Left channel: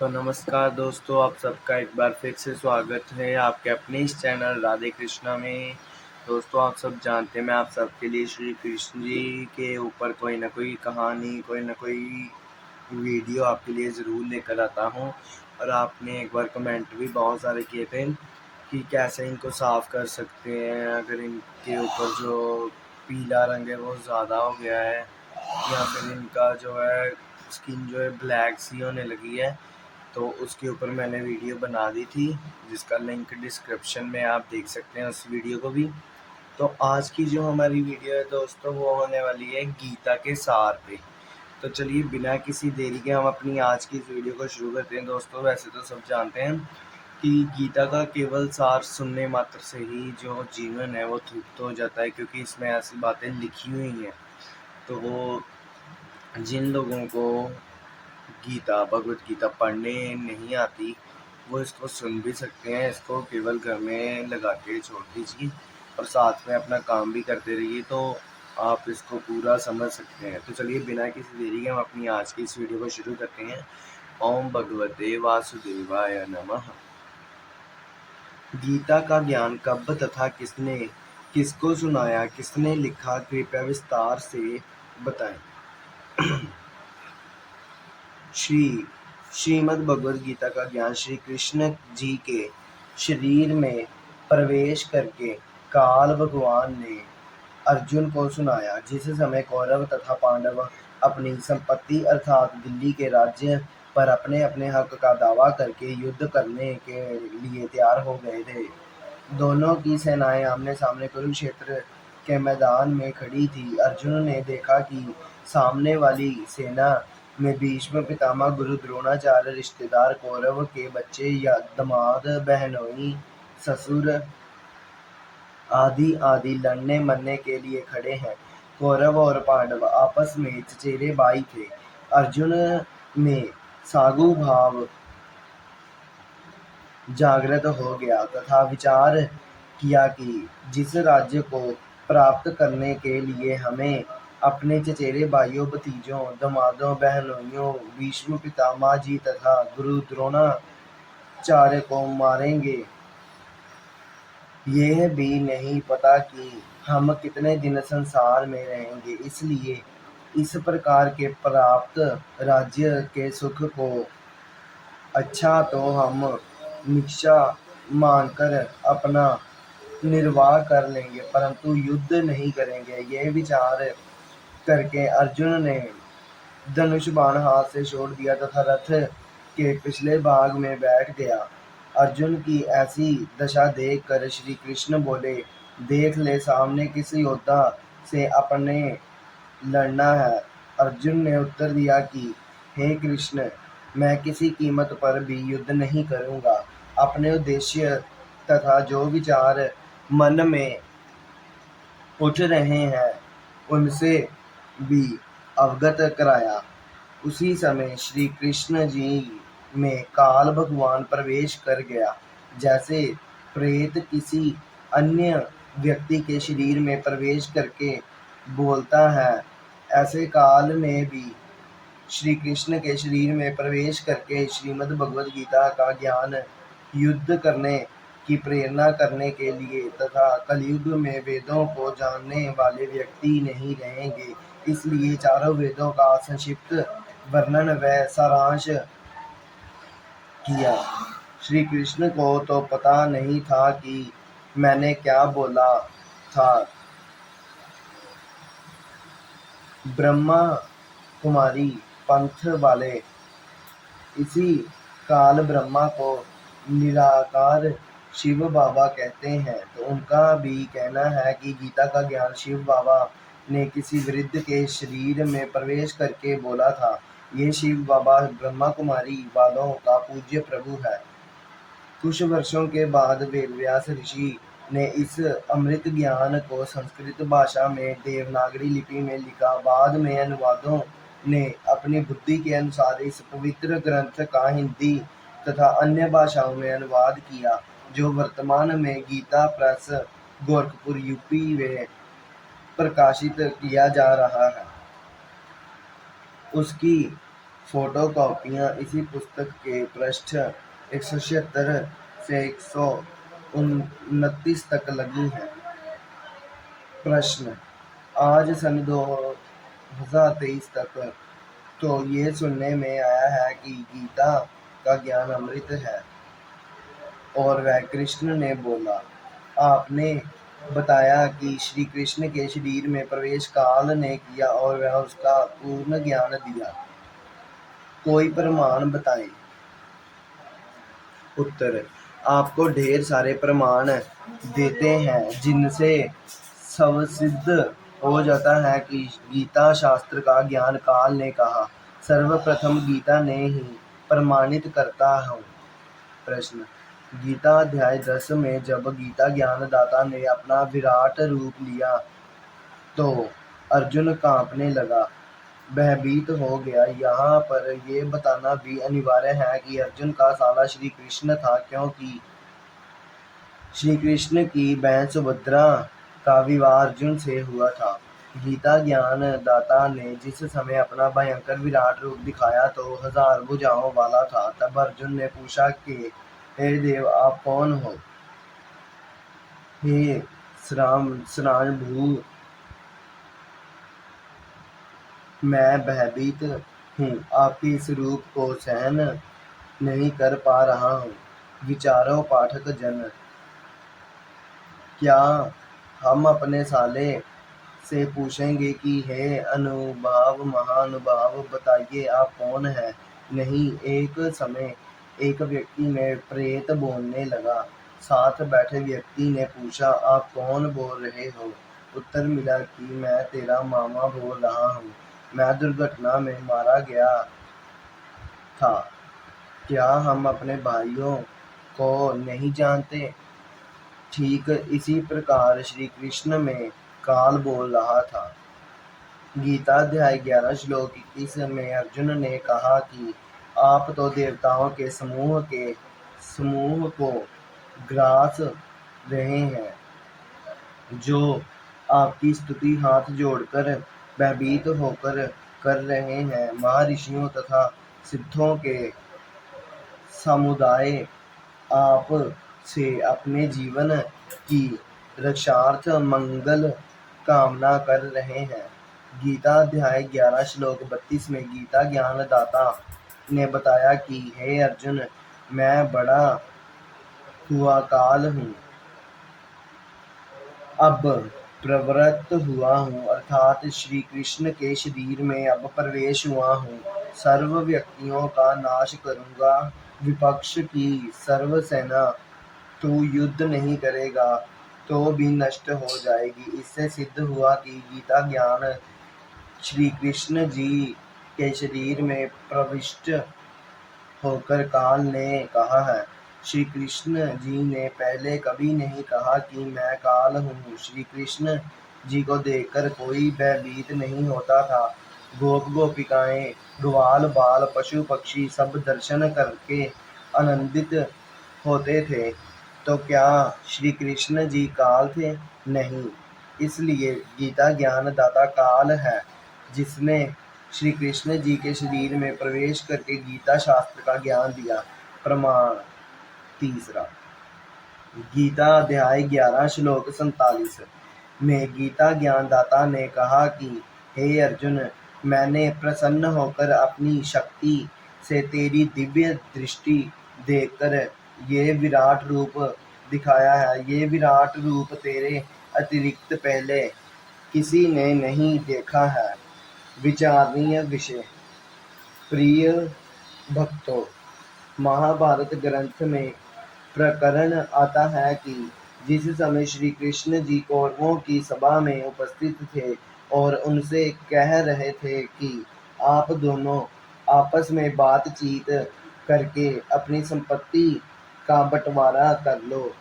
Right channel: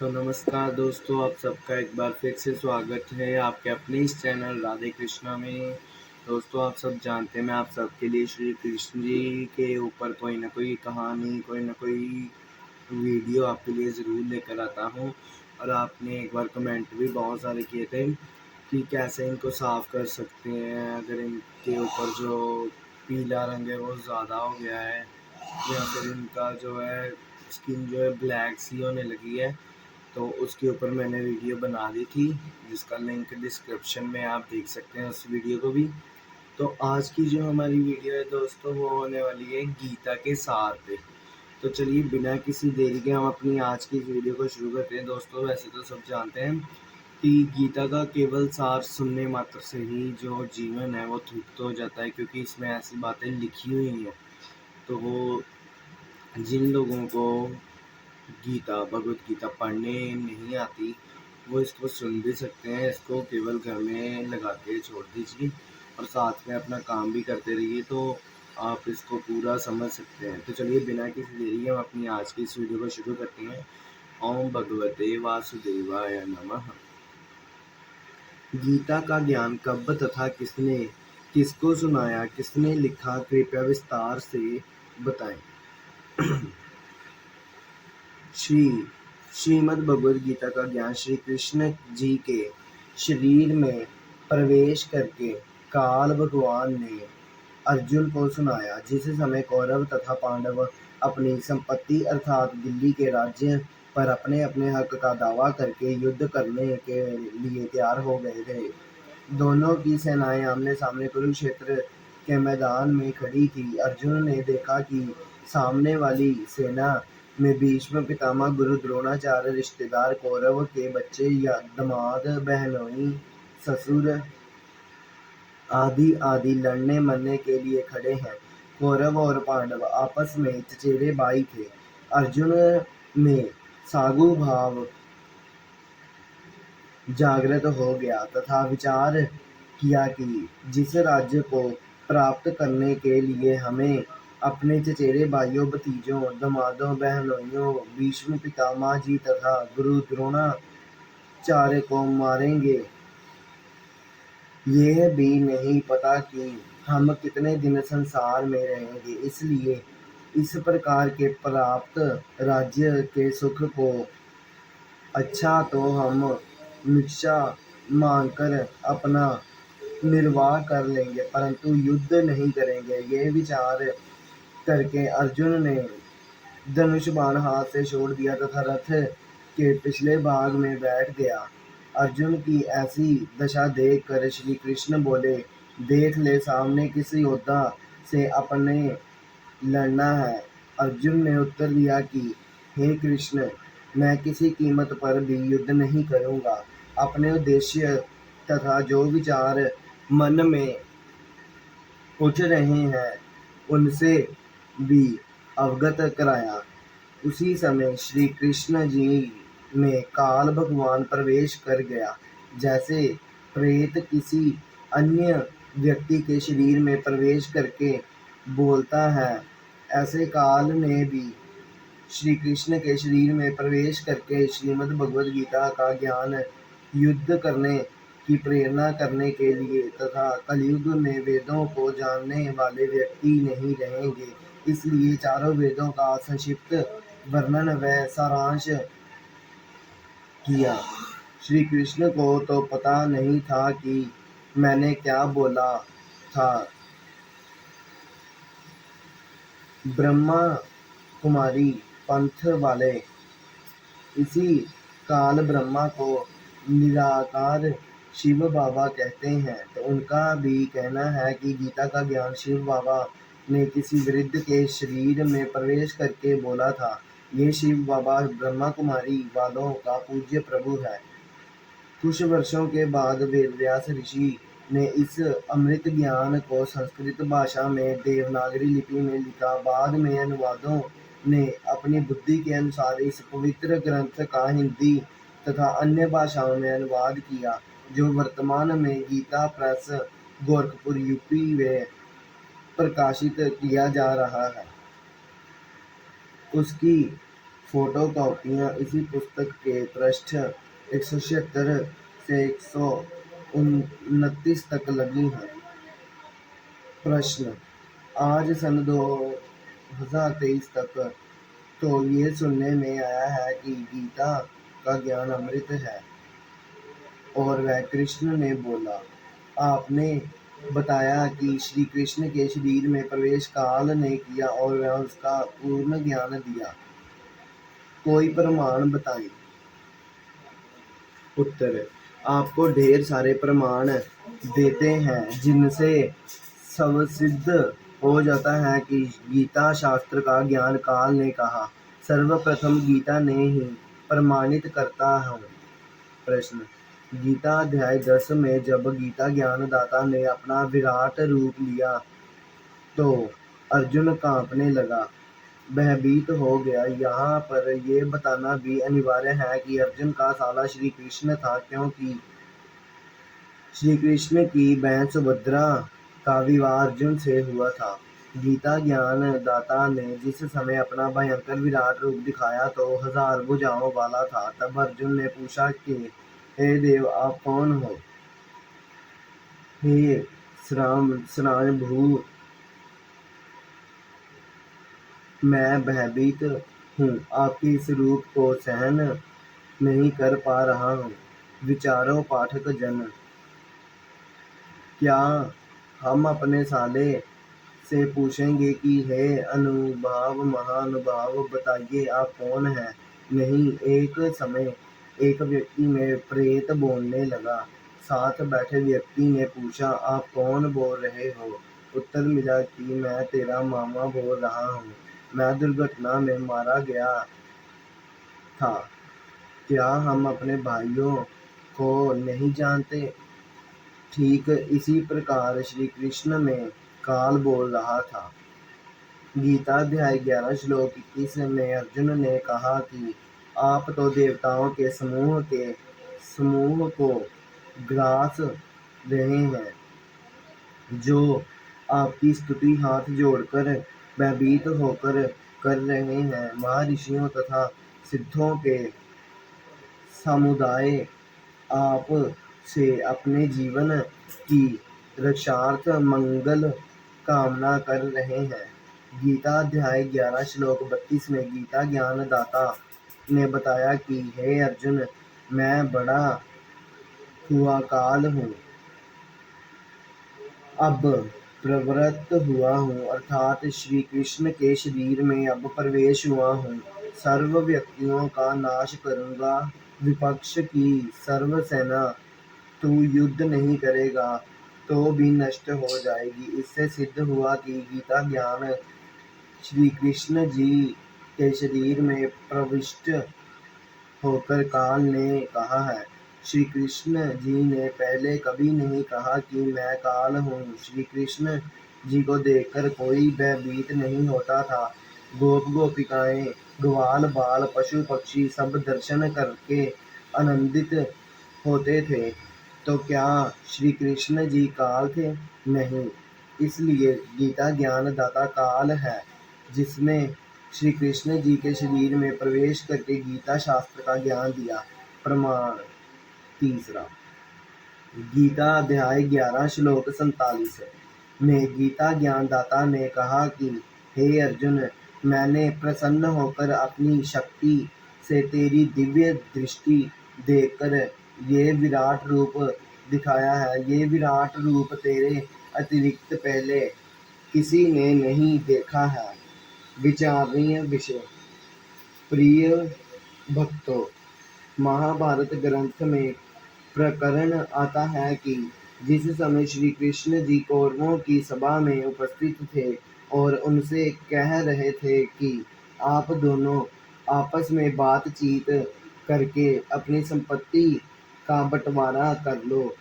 तो नमस्कार दोस्तों, आप सबका एक बार फिर से स्वागत है आपके अपने इस चैनल राधे कृष्णा में। दोस्तों, आप सब जानते हैं मैं आप सबके लिए श्री कृष्ण जी के ऊपर कोई ना कोई कहानी, कोई ना कोई वीडियो आपके लिए ज़रूर लेकर आता हूँ। और आपने एक बार कमेंट भी बहुत सारे किए थे कि कैसे इनको साफ़ कर सकते हैं, अगर इनके ऊपर जो पीला रंग है वो ज़्यादा हो गया है या फिर इनका जो है स्किन जो है ब्लैक सी होने लगी है। तो उसके ऊपर मैंने वीडियो बना दी थी, जिसका लिंक डिस्क्रिप्शन में आप देख सकते हैं उस वीडियो को भी। तो आज की जो हमारी वीडियो है दोस्तों, वो होने वाली है गीता के सार पे। तो चलिए बिना किसी देरी के हम अपनी आज की इस वीडियो को शुरू करते हैं। दोस्तों, वैसे तो सब जानते हैं कि गीता का केवल सार सुनने मात्र से ही जो जीवन है वो तृप्त हो जाता है, क्योंकि इसमें ऐसी बातें लिखी हुई हैं। तो वो जिन लोगों को गीता, भगवद गीता पढ़ने नहीं आती, वो इसको सुन भी सकते हैं। इसको केवल घर में लगा के छोड़ दीजिए और साथ में अपना काम भी करते रहिए, तो आप इसको पूरा समझ सकते हैं। तो चलिए बिना किसी देरी के हम अपनी आज की इस वीडियो को शुरू करते हैं। ओम भगवते वासुदेवाय नमः। गीता का ज्ञान कब तथा किसने, किसको सुनाया, किसने लिखा, कृपया विस्तार से बताएं। श्रीमद् भगवद गीता का ज्ञान श्री कृष्ण जी के शरीर में प्रवेश करके काल भगवान ने अर्जुन को सुनाया। जिस समय कौरव तथा पांडव अपनी संपत्ति अर्थात दिल्ली के राज्य पर अपने अपने हक का दावा करके युद्ध करने के लिए तैयार हो गए थे। दोनों की सेनाएं आमने सामने कुरुक्षेत्र के मैदान में खड़ी थी। अर्जुन ने देखा कि सामने वाली सेना में भीष्म पितामह, गुरु द्रोणाचार्य, रिश्तेदार, कौरव के बच्चे या दामाद, बहनोई, ससुर आदि आदि लड़ने मरने के लिए खड़े हैं। कौरव और पांडव आपस में चचेरे भाई थे। अर्जुन में सागु भाव जागृत हो गया तथा विचार किया कि जिस राज्य को प्राप्त करने के लिए हमें अपने चचेरे भाइयों, भतीजों, दामादों, बहनोइयों, भीष्म पितामह जी तथा गुरु द्रोणाचार्य को मारेंगे, यह भी नहीं पता कि हम कितने दिन संसार में रहेंगे। इसलिए इस प्रकार के प्राप्त राज्य के सुख को अच्छा तो हम भिक्षा मांगकर अपना निर्वाह कर लेंगे, परंतु युद्ध नहीं करेंगे। यह विचार करके अर्जुन ने धनुष बाण हाथ से छोड़ दिया तथा रथ के पिछले भाग में बैठ गया। अर्जुन की ऐसी दशा देखकर श्री कृष्ण बोले, देख ले, सामने किस योद्धा से अपने लड़ना है। अर्जुन ने उत्तर दिया कि हे कृष्ण, मैं किसी कीमत पर भी युद्ध नहीं करूँगा। अपने उद्देश्य तथा जो विचार मन में उठ रहे हैं उनसे भी अवगत कराया। उसी समय श्री कृष्ण जी में काल भगवान प्रवेश कर गया। जैसे प्रेत किसी अन्य व्यक्ति के शरीर में प्रवेश करके बोलता है, ऐसे काल ने भी श्री कृष्ण के शरीर में प्रवेश करके श्रीमद् भगवद गीता का ज्ञान युद्ध करने की प्रेरणा करने के लिए तथा कलयुग में वेदों को जानने वाले व्यक्ति नहीं रहेंगे, इसलिए चारों वेदों का संक्षिप्त वर्णन व सारांश किया। श्री कृष्ण को तो पता नहीं था कि मैंने क्या बोला था। ब्रह्मा कुमारी पंथ वाले इसी काल ब्रह्मा को निराकार शिव बाबा कहते हैं। तो उनका भी कहना है कि गीता का ज्ञान शिव बाबा ने किसी वृद्ध के शरीर में प्रवेश करके बोला था। ये शिव बाबा ब्रह्मा कुमारी वालों का पूज्य प्रभु है। कुछ वर्षों के बाद वेदव्यास ऋषि ने इस अमृत ज्ञान को संस्कृत भाषा में देवनागरी लिपि में लिखा। बाद में अनुवादों ने अपनी बुद्धि के अनुसार इस पवित्र ग्रंथ का हिंदी तथा अन्य भाषाओं में अनुवाद किया, जो वर्तमान में गीता प्रेस, गोरखपुर, यूपी में प्रकाशित किया जा रहा है। उसकी फोटोकॉपियाँ इसी पुस्तक के पृष्ठ 176 से 129 तक लगी हैं। प्रश्न: आज सन 2023 तक तो ये सुनने में आया है कि गीता का ज्ञान अमृत है। और वह कृष्ण ने बोला, आपने बताया कि श्री कृष्ण के शरीर में प्रवेश काल ने किया और वह उसका पूर्ण ज्ञान दिया। कोई प्रमाण बताएं। उत्तर: आपको ढेर सारे प्रमाण देते हैं जिनसे स्वसिद्ध हो जाता है कि गीता शास्त्र का ज्ञान काल ने कहा। सर्वप्रथम गीता ने ही प्रमाणित करता हूँ। प्रश्न: गीता अध्याय 10 में जब गीता ज्ञानदाता ने अपना विराट रूप लिया तो अर्जुन कांपने लगा, भयभीत हो गया। यहाँ पर यह बताना भी अनिवार्य है कि अर्जुन का साला श्री कृष्ण था, क्योंकि श्री कृष्ण की बहन सुभद्रा का विवाह अर्जुन से हुआ था। गीता ज्ञान दाता ने जिस समय अपना भयंकर विराट रूप दिखाया तो 1000 भुजाओं वाला था। तब अर्जुन ने पूछा कि हे देव, आप कौन हो? हे श्रावणभु, मैं भयभीत हूँ, आपके इस रूप को सहन नहीं कर पा रहा हूँ। विचारो पाठक जन, क्या हम अपने साले से पूछेंगे कि हे अनुभाव महानुभाव, बताइए आप कौन हैं? नहीं। एक समय एक व्यक्ति में प्रेत बोलने लगा। साथ बैठे व्यक्ति ने पूछा, आप कौन बोल रहे हो? उत्तर मिला कि मैं तेरा मामा बोल रहा हूँ, मैं दुर्घटना में मारा गया था। क्या हम अपने भाइयों को नहीं जानते? ठीक इसी प्रकार श्री कृष्ण में काल बोल रहा था। गीता अध्याय 11 श्लोक 21 में अर्जुन ने कहा कि आप तो देवताओं के समूह को ग्रास रहे हैं, जो आपकी स्तुति हाथ जोड़कर भयभीत होकर कर रहे हैं। महर्षियों तथा सिद्धों के समुदाय आप से अपने जीवन की रक्षार्थ मंगल कामना कर रहे हैं। गीता अध्याय 11 श्लोक 32 में गीता ज्ञान दाता ने बताया कि हे अर्जुन, मैं बड़ा हुआ काल हूँ, अब प्रवृत्त हुआ हूँ, अर्थात श्री कृष्ण के शरीर में अब प्रवेश हुआ हूँ। सर्व व्यक्तियों का नाश करूँगा। विपक्ष की सर्व सेना तू युद्ध नहीं करेगा तो भी नष्ट हो जाएगी। इससे सिद्ध हुआ कि गीता ज्ञान श्री कृष्ण जी के शरीर में प्रविष्ट होकर काल ने कहा है। श्री कृष्ण जी ने पहले कभी नहीं कहा कि मैं काल हूँ। श्री कृष्ण जी को देखकर कोई भयभीत नहीं होता था। गोप गोपिकाएं, ग्वाल बाल, पशु पक्षी सब दर्शन करके आनंदित होते थे। तो क्या श्री कृष्ण जी काल थे? नहीं। इसलिए गीता ज्ञान दाता काल है, जिसने श्री कृष्ण जी के शरीर में प्रवेश करके गीता शास्त्र का ज्ञान दिया। प्रमाण तीसरा, गीता अध्याय 11 श्लोक 47 में गीता ज्ञान दाता ने कहा कि हे अर्जुन, मैंने प्रसन्न होकर अपनी शक्ति से तेरी दिव्य दृष्टि देखकर ये विराट रूप दिखाया है। ये विराट रूप तेरे अतिरिक्त पहले किसी ने नहीं देखा है। विचारणीय विषय। प्रिय भक्तों, महाभारत ग्रंथ में प्रकरण आता है कि जिस समय श्री कृष्ण जी कौरवों की सभा में उपस्थित थे और उनसे कह रहे थे कि आप दोनों आपस में बातचीत करके अपनी संपत्ति का बंटवारा कर लो,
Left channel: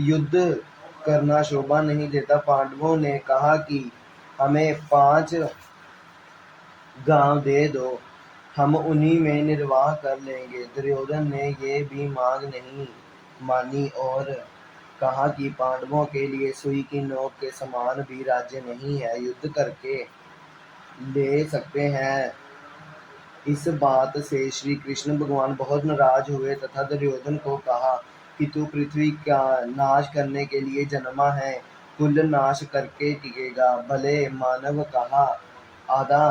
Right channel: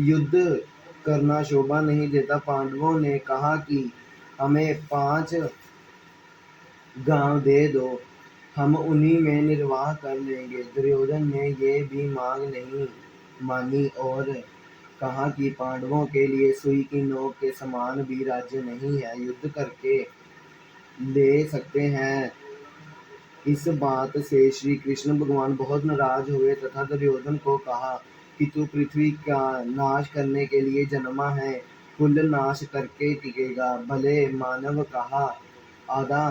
युद्ध करना शोभा नहीं देता। पांडवों ने कहा कि हमें 5 गांव दे दो, हम उन्हीं में निर्वाह कर लेंगे। दुर्योधन ने ये भी मांग नहीं मानी और कहा कि पांडवों के लिए सुई की नोक के समान भी राज्य नहीं है, युद्ध करके ले सकते हैं इस बात से श्री कृष्ण भगवान बहुत नाराज हुए तथा दुर्योधन को कहा कि तू पृथ्वी का नाश करने के लिए जन्मा है, कुल नाश करके टिकेगा। भले मानव कहा आधा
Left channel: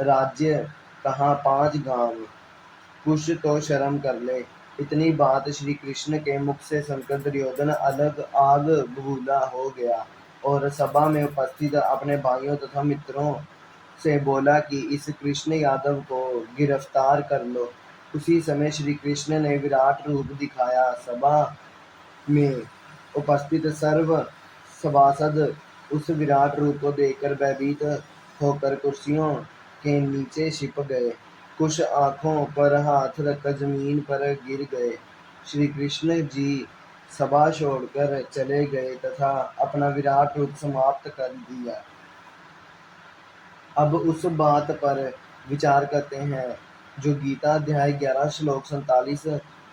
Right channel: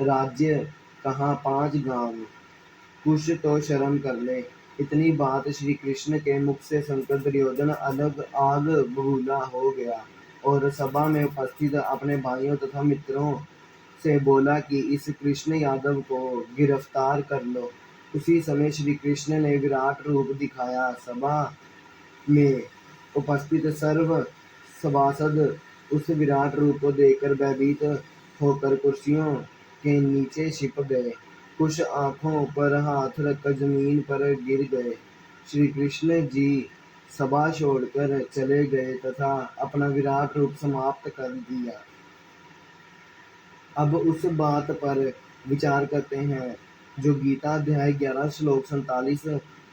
राज्य, कहा 5 गांव, कुछ तो शर्म कर ले। इतनी बात श्री कृष्ण के मुख से सुनकर दुर्योधन अलग आग बबूला हो गया और सभा में उपस्थित अपने भाइयों तथा मित्रों से बोला कि इस कृष्ण यादव को गिरफ्तार कर लो। उसी समय श्री कृष्ण ने विराट रूप दिखाया। सभा में उपस्थित सर्व सभासद उस विराट रूप को देखकर भयभीत होकर कुर्सियों के नीचे छिप गए। कुछ आंखों पर हाथ रखकर जमीन पर गिर गए। श्री कृष्ण जी सभा छोड़कर चले गए तथा अपना विराट रूप समाप्त कर दिया। अब उस बात पर विचार करते हैं जो गीता अध्याय 11 श्लोक 47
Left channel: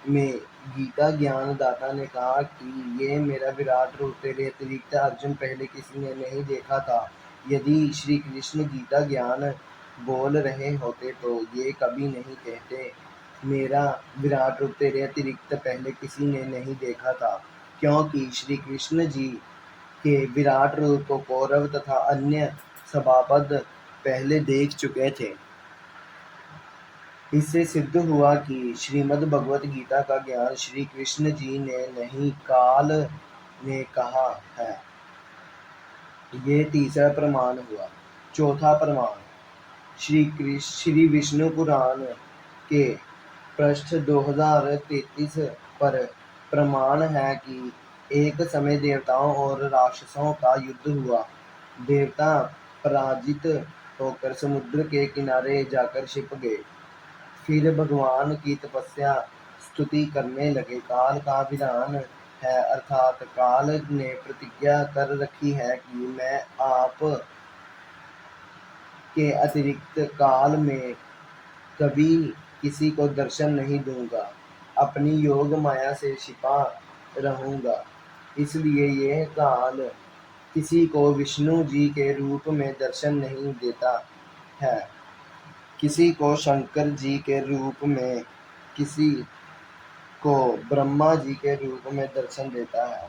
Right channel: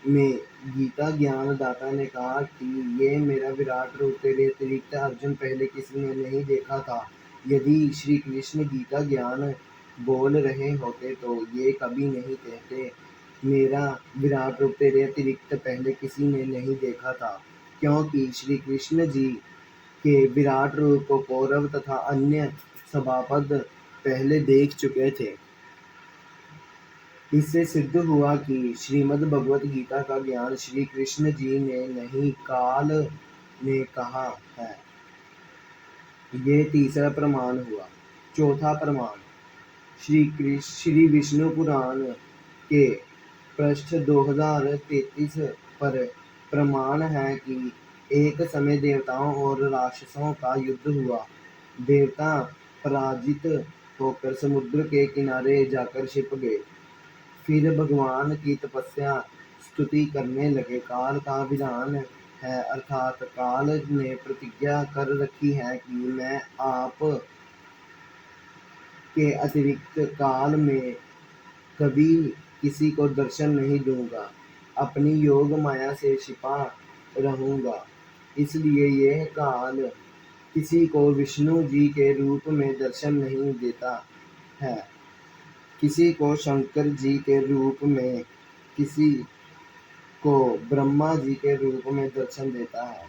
में गीता ज्ञान दाता ने कहा कि ये मेरा विराट रूप तेरे अतिरिक्त अर्जुन पहले किसी ने नहीं देखा था। यदि श्री कृष्ण गीता ज्ञान बोल रहे होते तो ये कभी नहीं कहते मेरा विराट रूप तेरे अतिरिक्त पहले किसी ने नहीं देखा था, क्योंकि श्री कृष्ण जी के विराट रूप को कौरव तथा अन्य सभासद पहले देख चुके थे। इससे सिद्ध हुआ कि श्रीमद् भगवत गीता का ज्ञान श्री कृष्ण जी ने नहीं, काल ने कहा है। ये तीसरा प्रमाण हुआ। चौथा प्रमाण श्री विष्णु पुराण के पृष्ठ 2033 पर प्रमाण है कि एक समय देवताओं और राक्षसों का युद्ध हुआ। देवता पराजित होकर समुद्र के किनारे जाकर छिप गए। फिर भगवान की तपस्या स्तुति करने लगे। काल का विधान है, अर्थात काल ने प्रतिज्ञा कर रखी है कि मैं आप के अतिरिक्त काल में कभी किसी को दर्शन नहीं दूंगा, अपनी योग माया से छिपा रहूंगा। इसलिए यह काल किसी को विष्णु जी के रूप में दर्शन नहीं देता है, किसी को शंकर जी के रूप में, किसी को ब्रह्मा जी के रूप में दर्शन देता है।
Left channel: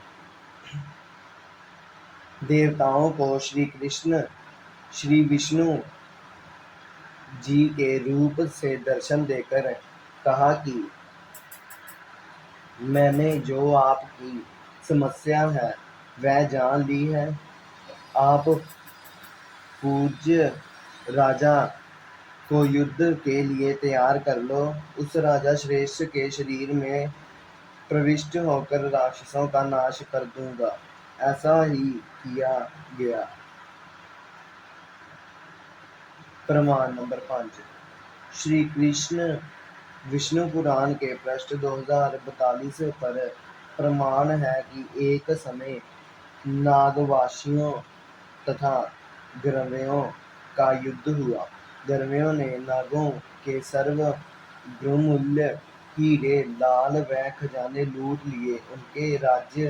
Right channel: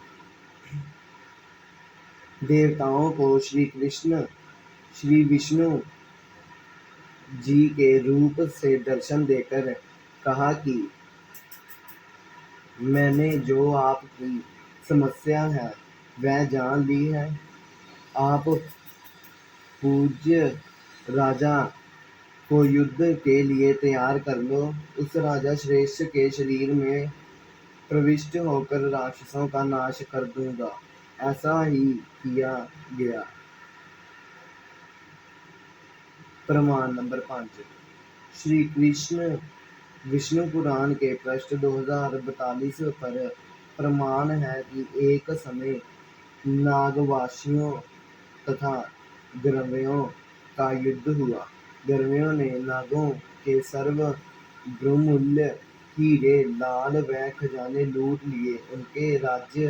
देवताओं को श्री कृष्ण श्री विष्णु जी के रूप से दर्शन देकर कहा कि मैंने जो आपकी समस्या है वह जान ली है। आप पूज्य राजा को युद्ध के लिए तैयार कर लो। उस राजा श्रेष्ठ के शरीर में प्रविष्ट होकर राक्षसों का नाश कर दूंगा। ऐसा ही किया गया। प्रमाण नंबर 5 श्री कृष्ण विष्णु पुराण के पृष्ठ 2042 पर प्रमाण है कि एक समय नागवासियों तथा गर्वयों का युद्ध हुआ। गर्वयों ने नागों के सर्व बहुमूल्य हीरे, लाल व खजाने लूट लिए। उनके राज्य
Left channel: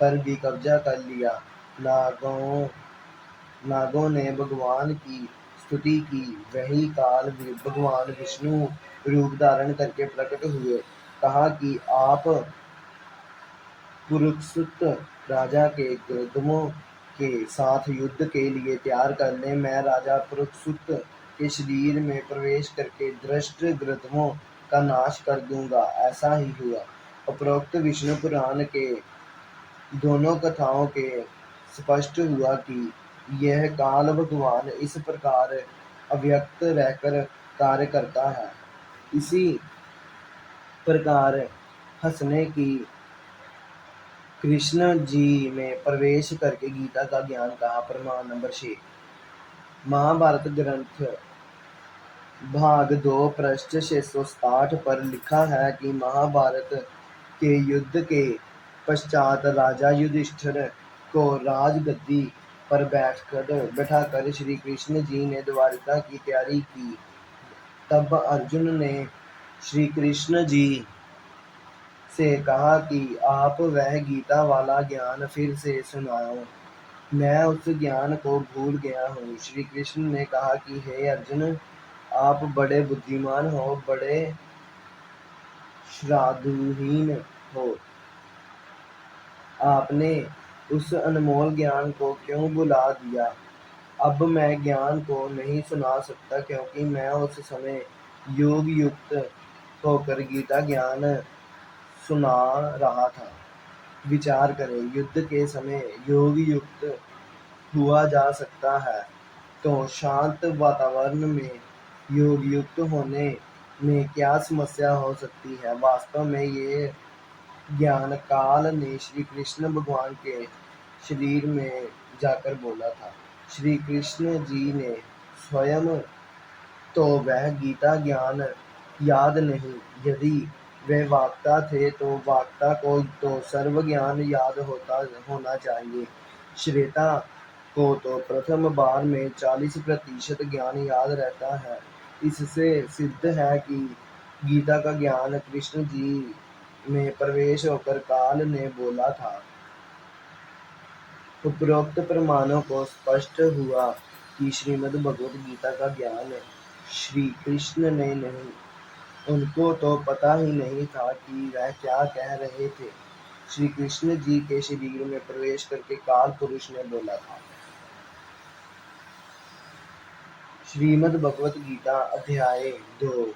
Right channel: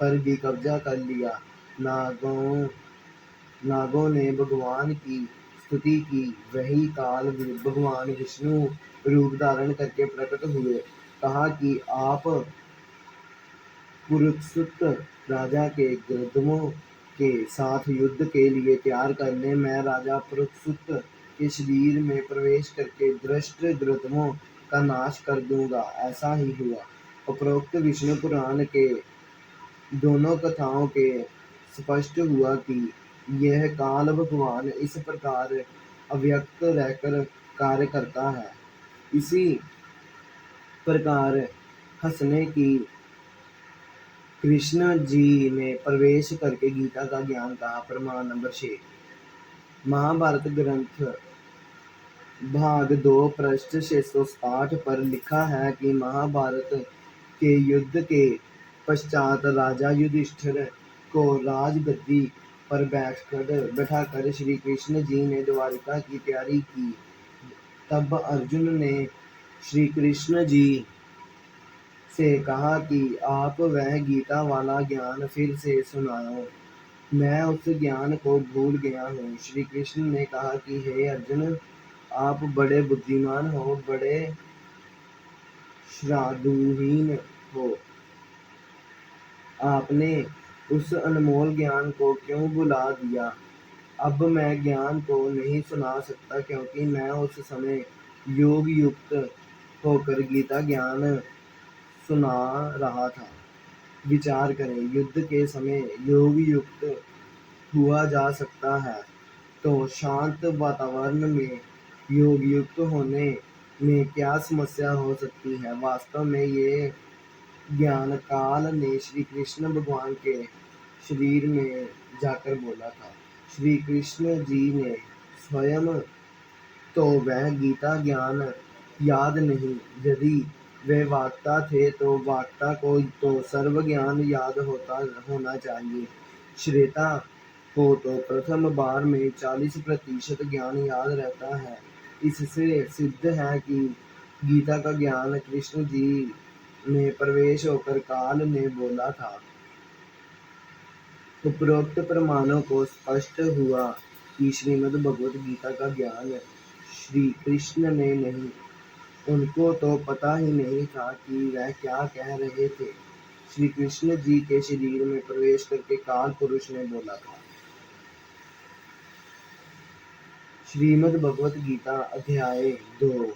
पर भी कब्जा कर लिया। नागों ने भगवान की स्तुति की। वही काल भगवान विष्णु रूप धारण करके प्रकट हुए। कहा कि आप पुरुषसुत राजा के गृधमों के साथ युद्ध के लिए तैयार कर लें। मैं राजा पुरुषसुत के शरीर में प्रवेश करके दृष्ट गृधमों का नाश कर दूंगा। ऐसा ही हुआ। उपरोक्त विष्णु पुराण के दोनों कथाओं के स्पष्ट हुआ कि यह काल भगवान इस प्रकार अव्यक्त रहकर कार्य करता है। इसी प्रकार हंसने की कृष्ण जी ने प्रवेश करके गीता का ज्ञान कहा। प्रमाण नंबर 6 महाभारत ग्रंथ भाग 2 पृष्ठ 660 पर लिखा है कि महाभारत के युद्ध के पश्चात राजा युधिष्ठिर को राजगद्दी पर बैठाकर श्री कृष्ण जी ने द्वारिका की तैयारी की। तब अर्जुन ने श्री कृष्ण जी से कहा कि आप वह गीता वाला ज्ञान फिर से सुनाओ, मैं उस ज्ञान को भूल गया हूँ। श्री कृष्ण ने कहा कि हे अर्जुन, आप बड़े बुद्धिमान हो, बड़े श्राद्धहीन हो। आपने उस अनमोल ज्ञान को क्यों भुला दिया? अब मैं ज्ञान को नहीं सुना सकता, क्योंकि मैं उस समय योग युक्त होकर गीता ज्ञान सुना रहा था। विचार करें, युद्ध के समय योग युक्त हुआ जा सकता है, तो शांत वातावरण में योग युक्त होने में क्या समस्या हो सकती है? वास्तव में ये ज्ञान काल ने श्री कृष्ण भगवान के शरीर में जाकर बोला था। श्री कृष्ण जी ने स्वयं तो वह गीता ज्ञान याद नहीं। यदि वे वक्ता थे तो वक्ता को तो सर्व ज्ञान याद होना चाहिए। श्वेता को तो प्रथम बार में 40% ज्ञान याद रहता है। इससे सिद्ध है कि गीता का ज्ञान कृष्ण जी में प्रवेश होकर काल ने बोला था। उपरोक्त प्रमाणों को स्पष्ट हुआ कि श्रीमद् भगवत गीता का ज्ञान श्री कृष्ण ने नहीं, उनको तो पता ही नहीं था कि वह क्या कह रहे थे। श्री कृष्ण जी के शरीर में प्रवेश करके काल पुरुष ने बोला था। श्रीमद् भगवत गीता अध्याय 2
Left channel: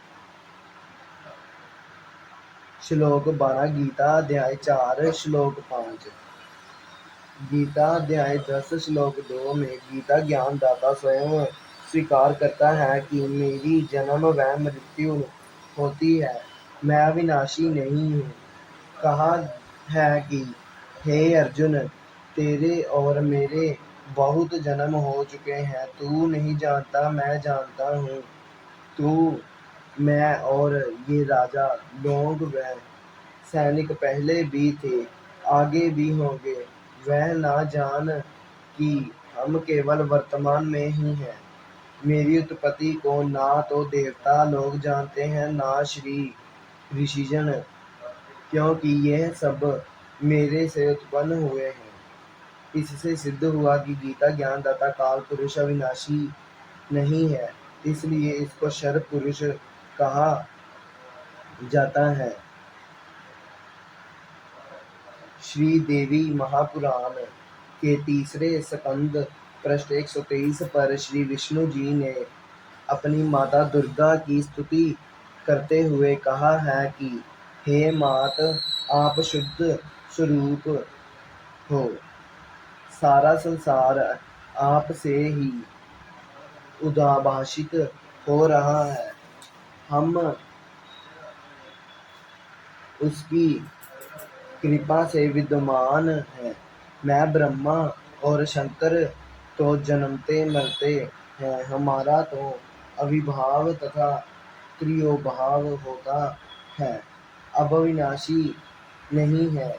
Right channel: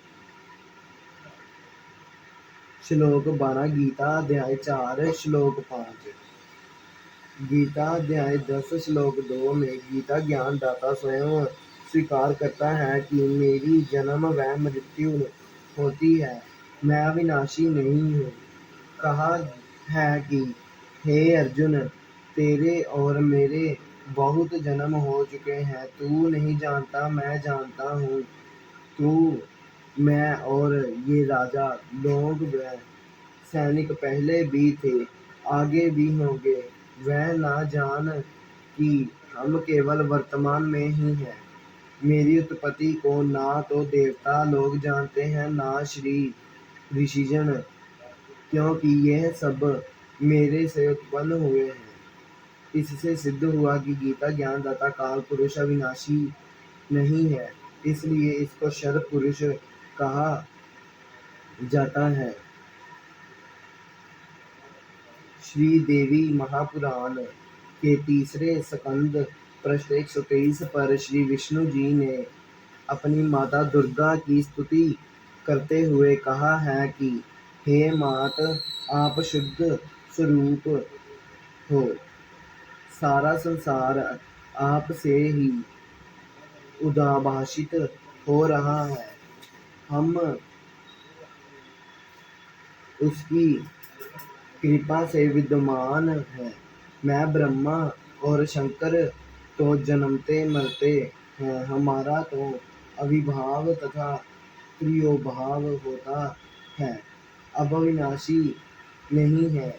श्लोक 12, गीता अध्याय 4 श्लोक 5। गीता अध्याय 10 श्लोक 2 में गीता ज्ञानदाता स्वयं स्वीकार करता है कि मेरी जन्म व मृत्यु होती है, मैं अविनाशी नहीं हूँ। कहा है कि हे अर्जुन, तेरे और मेरे बहुत जन्म हो चुके हैं, तू नहीं जानता, मैं जानता हूँ। तू, मैं और ये राजा लोग व सैनिक पहले भी थे, आगे भी होंगे। वह ना जान कि हम केवल वर्तमान में ही हैं। मेरी उत्पत्ति को ना तो देवता लोग जानते हैं, ना श्री ऋषिजन, क्योंकि यह सब मेरे से उत्पन्न हुए हैं। इससे सिद्ध हुआ कि गीता ज्ञानदाता काल पुरुष अविनाशी नहीं है, इसलिए इसको शर पुरुष कहा जाता है। श्री देवी महापुराण के तीसरे स्कंद पृष्ठ 123 पर श्री विष्णु जी ने अपनी माता दुर्गा की स्तुति करते हुए कहा है कि हे मात, आप शुद्ध स्वरूप हो, सारा संसार आप से ही उद्भाषित हो रहा है, हम उसकी कृपा से विद्यमान है। मैं ब्रह्मा और शंकर तो जन्मते मरते हैं, हमारा तो अविभाव तथा क्रियोभाव होता है, अब अविनाशी नहीं है।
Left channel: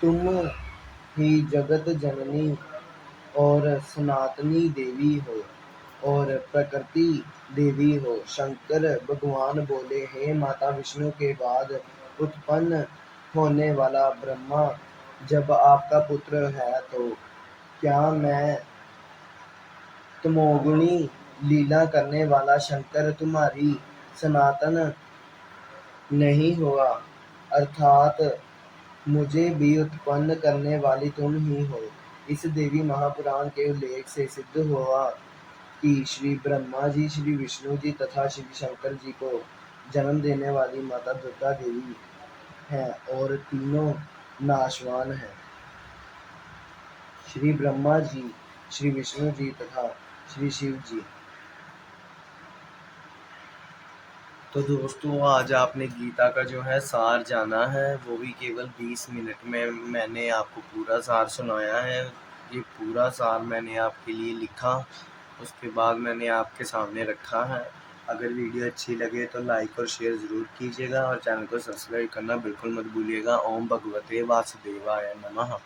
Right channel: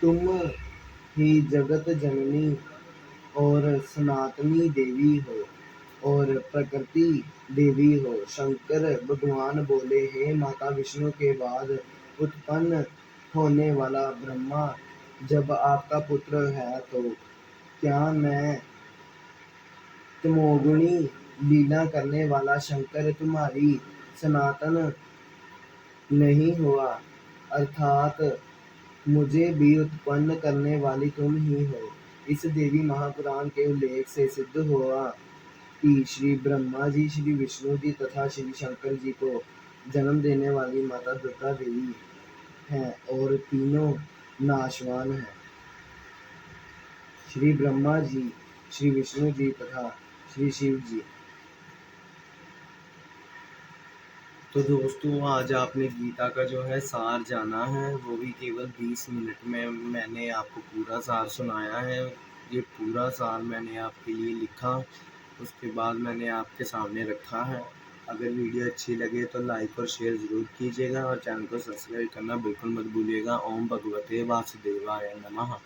तुम ही जगत जननी और सनातनी देवी हो और प्रकृति देवी हो। शंकर भगवान बोले, हे माता विष्णु के बाद उत्पन्न होने वाला ब्रह्मा जब आपका पुत्र है, तो क्या मैं तमोगुणी लीला करने वाला शंकर तुम्हारी सनातन नहीं हुआ, अर्थात मुझे भी उत्पन्न करने वाली तुम ही हो। इस देवी महापुराण के उल्लेख से सिद्ध हुआ कि श्री ब्रह्मा जी, श्री विष्णु जी तथा श्री शंकर जी को जन्म देने वाली माता दुर्गा देवी हैं और तीनों नाशवान हैं, श्री ब्रह्मा जी, श्री विष्णु जी तथा श्री शिव जी। तो दोस्तों, आज आपने गीता का जो है सार जाना है, वो भी केवल 20 मिनट में मैंने आपको पूरा सार सुनाया है। ये पूरा सार मैंने आपके लिए लिखा, उसके बाद मैंने आपके सामने रखा है। अगर वीडियो अच्छी लगे तो लाइक और शेयर ज़रूर कीजिएगा और चैनल को सब्सक्राइब करना बिल्कुल मत भूलिएगा। ओम भगवते वासुदेवाय नमः।